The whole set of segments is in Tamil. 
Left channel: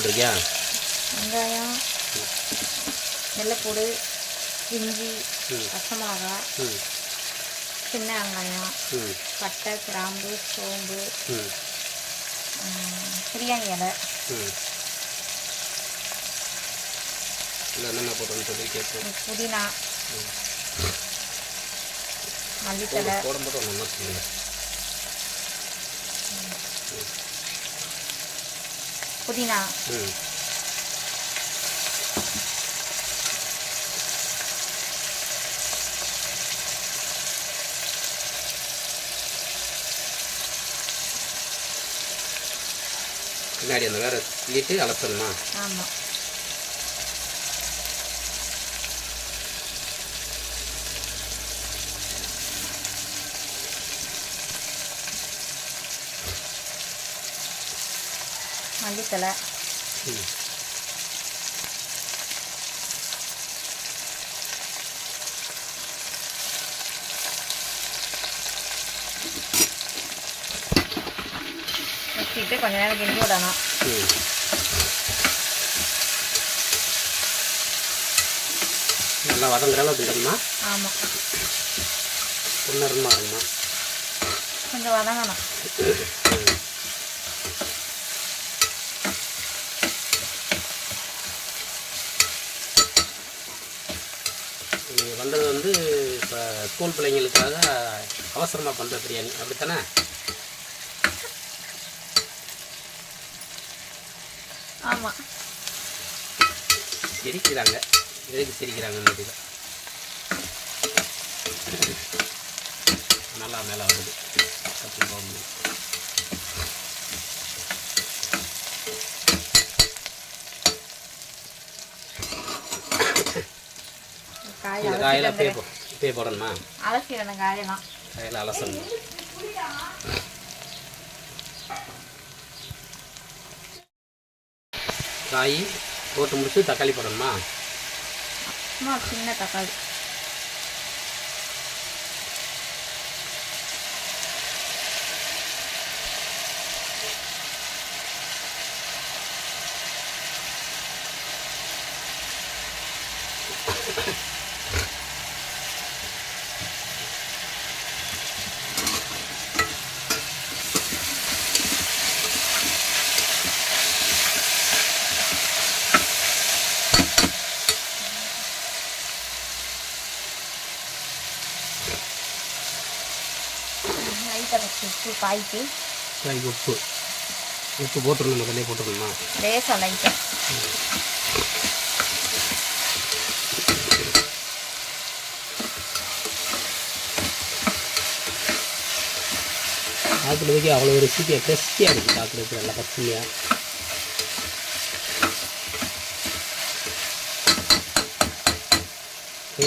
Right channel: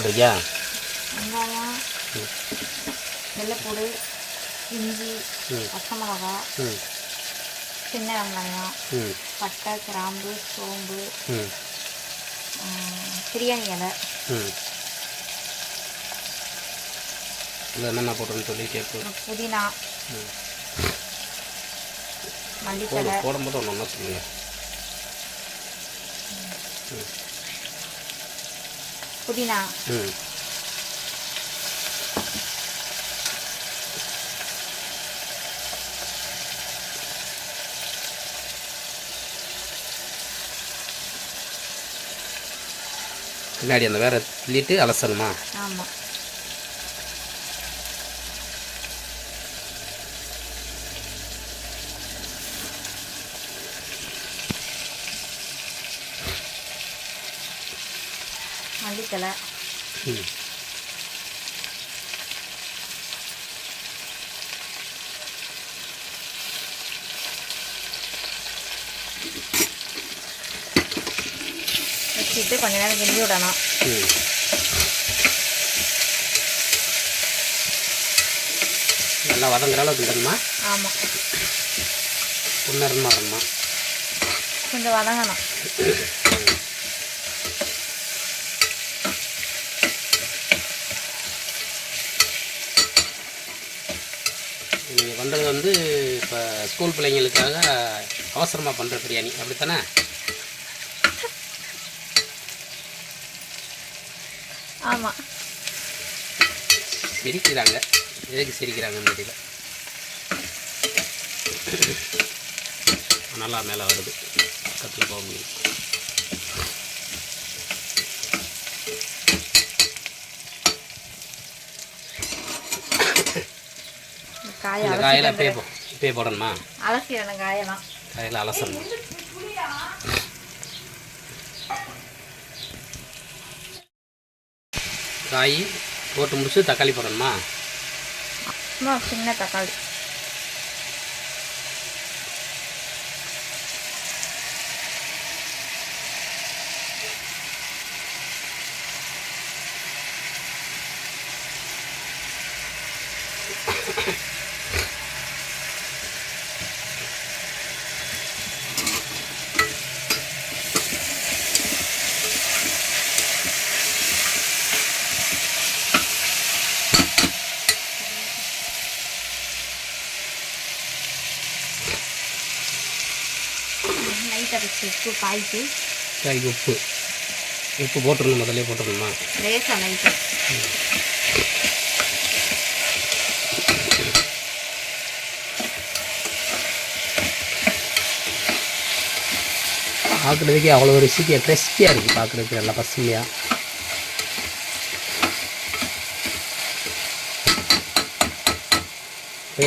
போட்டிருக்கியா? வெங்காயம், வெள்ளைப்பூடு, இஞ்சி, பச்சை மிளகா, சின்ன வெங்காயம், பட்டை, கிராம்பு, சோம்பு, பிரியாணி இலை. என்னென்ன போட்டுன்னு சொல்லி கேட்போம். புதினா, மல்லித்தலை போடும்போது ஒன்று ஒன்றா சொல்லுங்க. புதினா, பின்னாடி அந்த வேற கிள்ளிட்டு அலசணுமா? ஆமாம். மல்லித்தலை, வச்சுட்டு கொஞ்ச நேரம் கிண்டி விடணும். நல்லா வதங்குற அளவுக்கு கிண்டணுமா? ஆமாம், பொன்னரமா வரணுமா? கொஞ்சம் வதங்கணும். நீங்கள் வந்தது வந்து இப்போ ஸ்கூல் பிள்ளைங்களுக்காக அவசரமாக பண்ணுற பிரியாணி அப்படித்தானே? ஆமாம். சிரிக்கிறாங்க, எதுக்கு சிரிக்கிறாங்கன்னு தெரியல. நல்லா மேலே வருது, தட்டி போக முடியும். இந்த காயில் இப்பயே போடணுமா? அலசிடணும் காயெல்லாம். காயில் அலசணும். காய் போட்டு முடிச்சு தக்காளி போடணுமா? சின்ன தக்காளி. காய்க்கு உப்பு போட்டுடணும், முதல்ல போட்டுடணுமா? லேசாக லைட்டாக. பார்க்குறதுக்கே அவ்வளோ ஒரு ரெசிபியாக கிறிஸ்பியாக இருக்குது, பார்க்குறதுக்கு நல்லா பசுமையாக.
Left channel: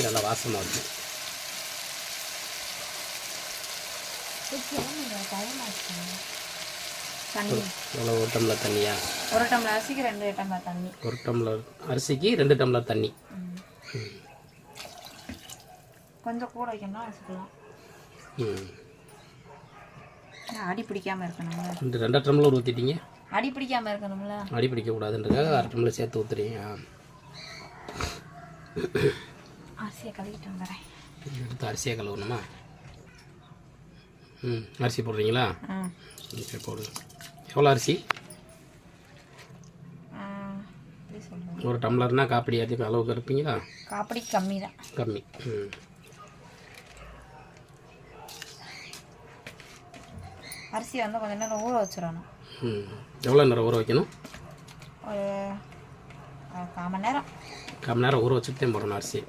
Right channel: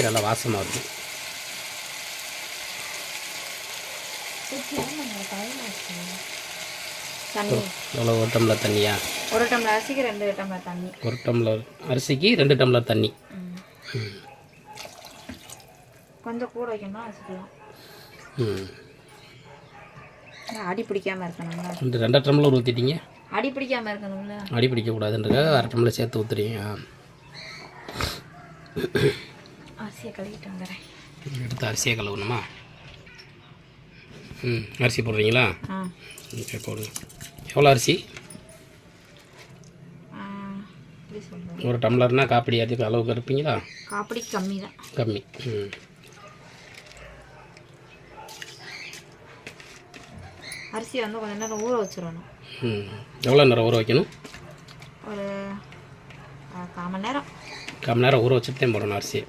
நல்லா வாசமாக இருக்குது. எவ்வளோ? ஒரு டம்ளர் தண்ணியா? ஒரு டம்ளர் அரிசிக்கு 2 டம்ளர் தண்ணி. ஒரு டம்ளர் அரிசிக்கு 2 டம்ளர் தண்ணி. கொஞ்சம் கூட வைக்கணும்னா வச்சுக்கலாம். அடி பிடிக்காமல் இருக்கணுங்களா? 2 டம்ளர் ஊற்றிட்டீங்க. அடி பிடிக்காமல் இருக்கணுங்களா? அடி பிடிக்கக்கூடாதுன்றதுக்காக 1/2 டம்ளர் சேர்த்து ஊற்றுறீங்க. அரிசியை கழுவிட்டு வந்துடுறேன். எடுத்து அரிசியை கழுவணுமா? அரிசி போடுறீங்களா? ஓகே, போடுங்க. எவ்வளோ அரிசி? 1 டம்ளர்னா காப்பிடி அரிசி அளவுக்கு இருப்பீங்களா? காப்பிடி கம்மி தான். கம்மி. அரிசி வந்து கொஞ்சம் நேரம் ஊற வச்சிடணும். எவ்வளோ நேரம் ஊற வைக்கணும்? ஒரு 1/4 மணி நேரம். 1/4 மணி நேரம் ஊற வச்சுட்டு தான் போடணும் அரிசி.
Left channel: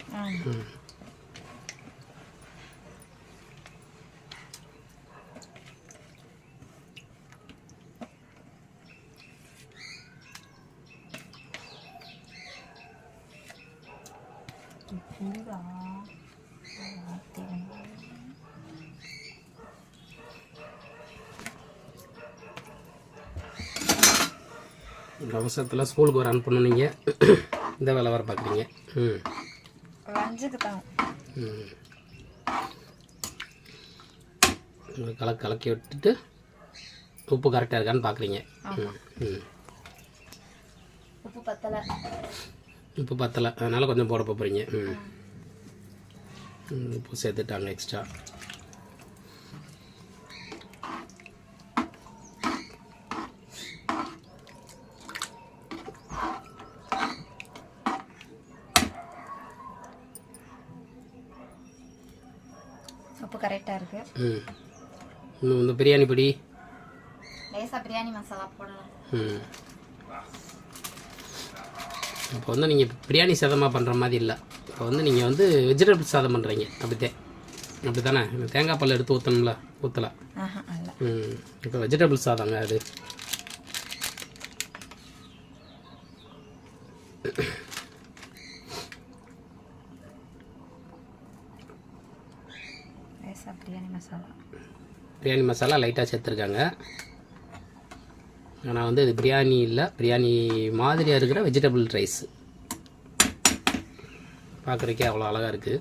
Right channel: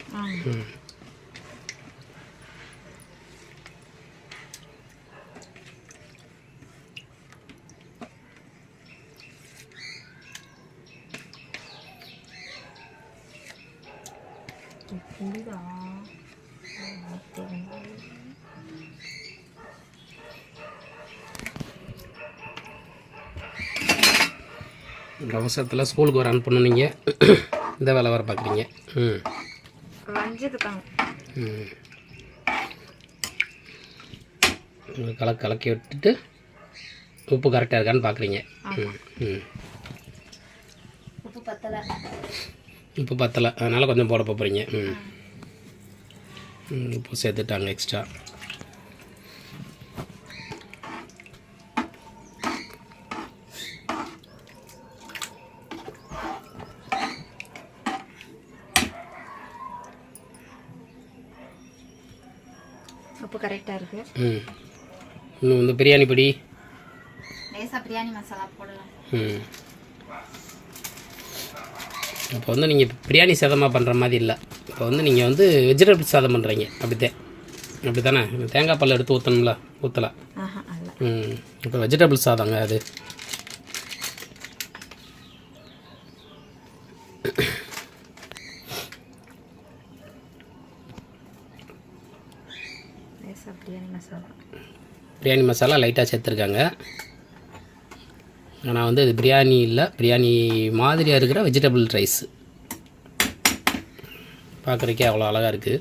அவசரத்தில் ஸ்கூலுக்கு வர அனுப்பணும். நீங்கள் இந்த வேலை வர பார்க்குறீங்க. கலக்கி விட்டுட்டு உப்பு கரெக்டாக இருக்கான்னு பார்க்குறீங்க. பத்தலை. உப்பு பத்தலை, அதனால் கொஞ்சம் போட போகிறீங்க. உப்பு சேர்த்துட்டாங்க எக்ஸ்ட்ரா. உப்பு கரெக்டாக இருக்குது. இன்னும் வந்து பிரியாணி பொடி, லேசாக பிரியாணி மசாலா போடலாம். இப்போ வந்து நீங்கள் பிரியாணி சாதமாக பண்ணுற மாதிரி இல்லை. இப்போ வந்து நீங்கள் வந்து வெஜிடபிள் சாதம் பண்ணுறீங்க. அப்படி தானே? தேங்காய் பால் எடுத்து ஊற்றணும்ல, ஊற்றலை. இப்போ வெஜிடபிள் சாதங்க அது. பிரியாணி மசாலா லைட்டாக சேர்த்துருக்காங்க. ஆனால் வந்து இது பிரியாணி இல்லை, பிரியாணி மாதிரியாக இருக்கிற வெஜிடபிள் ரைஸ். பார்க்குறக்கே அவ்வளோ அழகாக இருக்குது.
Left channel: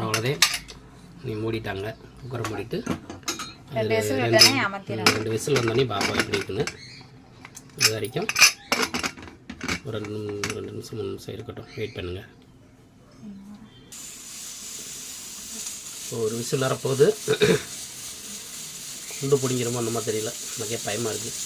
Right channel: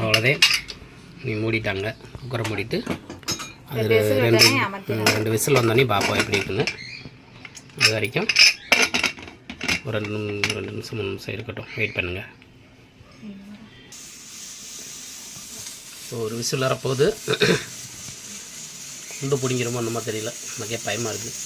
அவ்வளோதே. நீ மூடிட்டாங்க, குக்கரை மூடிட்டு அதில் ரெண்டு விசில் வந்தோடனே பார்ப்போம் எப்படி இருக்குன்னு. அது வரைக்கும் ஒரு 2 நிமிஷம் 3 நிமிஷம் இருக்கட்டும், வெயிட் பண்ணுங்கள். ஒரு விசில் வரப்போகுது. குண்டு பிடிங்கிறமோ என்னமோ தெரியல, நமக்கே பயமாக இருக்குது.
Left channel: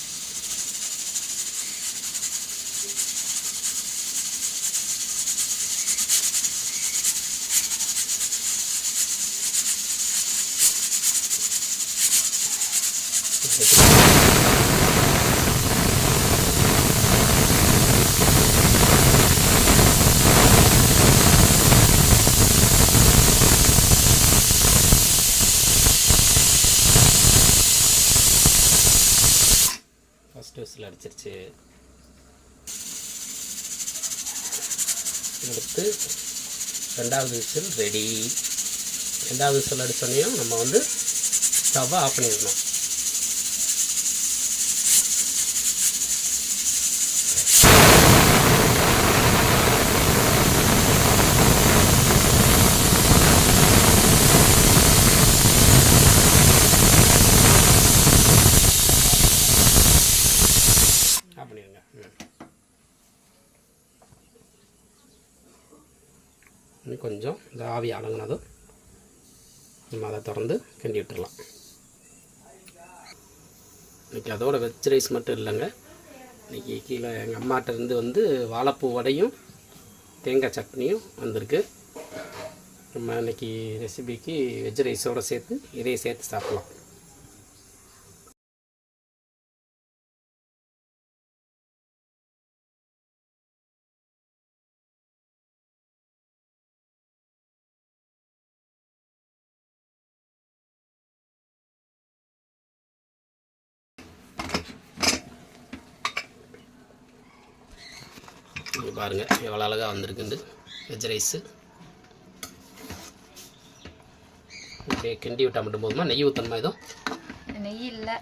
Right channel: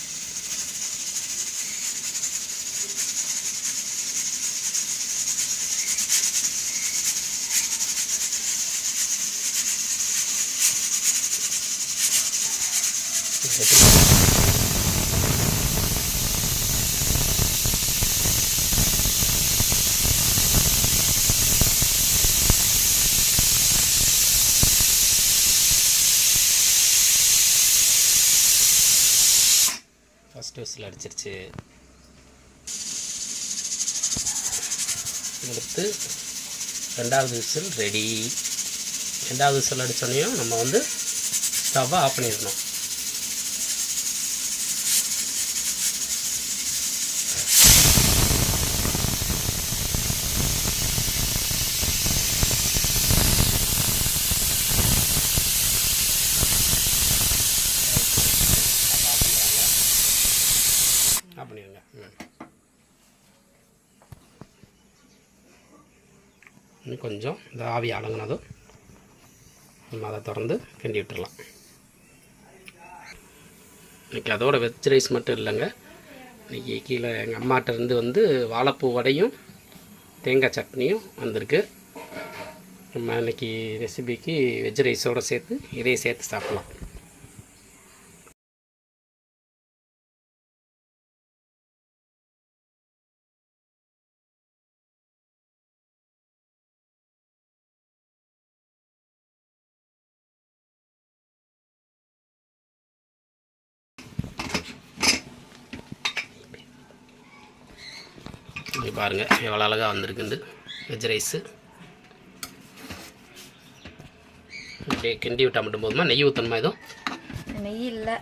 ஃபஸ்ட்டு விசில் அடிச்சிருச்சு. அடுத்து 2வது விசில் ரெடி. 2வது விசில் அடித்தோடனையும் நம்ம வந்து ஸ்டவ்வை ஆஃப் பண்ணிடணும். பண்ணிடுங்க. இன்னும் கொஞ்சம் இந்த ஆவி அடங்கினதும் நம்ம அதை திறந்து கிண்டி விட்டுடலாம். இன்றைக்கி அதோட வெஜ் ரைஸ் மட்டும் இல்லைங்க, இன்றைக்கி கீழே எங்கள் அம்மாட்டிருந்து வந்து வாழைப்பூ வடையும் தேங்காய் சட்னியும் வந்திருக்கு. நம்ம இன்றைக்கி ரெசிபிக்கு வெஜ் ரைஸோடு சேர்த்து இதையும் சேர்த்து சாப்பிட்லாம். இங்கே பாருங்கள் எவ்வளோ அழகாக வந்திருக்குண்டு வெஜ் ரைஸு. அப்படியே கிண்டி விட்டால் மட்டும் போதுமா? நெய் ஊற்றணுமா? எதுவும் நெய் இல்லை,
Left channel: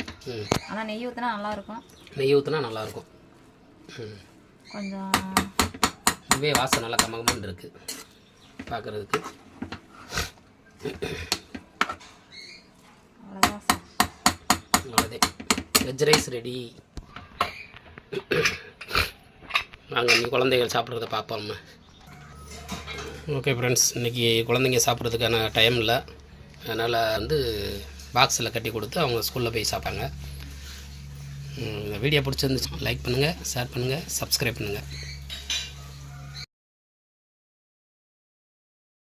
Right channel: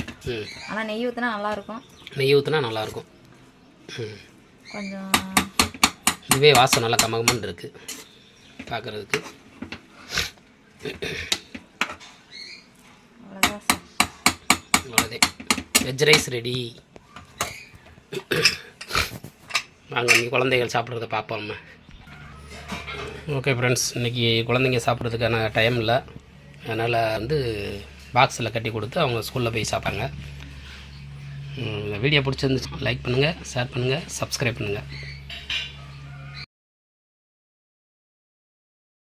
ஆனால் நெய் ஊற்றினா நல்லாயிருக்கும். நெய் ஊற்றினா நல்லாயிருக்கும். கொஞ்சம் இதுவே வாசம் நல்லா கமகமன்னு இருக்குது பார்க்குறதுக்கு. அவ்வளோதே, வெஜ் ரைஸ் ரெடி. வாங்க நீ குழந்தைகள் சாப்பிட்றத பார்ப்போம் நம்ம. ஓகே ஃப்ரெண்ட்ஸ், இன்றைக்கி குழந்தைங்க சாப்பிட்றதுக்கான டைம் இல்லை, அதனால் வந்து பாக்ஸில் கட்டி கொடுத்து அவங்க ஸ்கூலில் போய் சாப்பிட்டாங்க. இந்த வீடியோ பிடிச்சிருந்துச்சு லைக் பண்ணுங்கள், ஷேர் பண்ணுங்கள், சப்ஸ்கிரைப் பண்ணுங்கள்.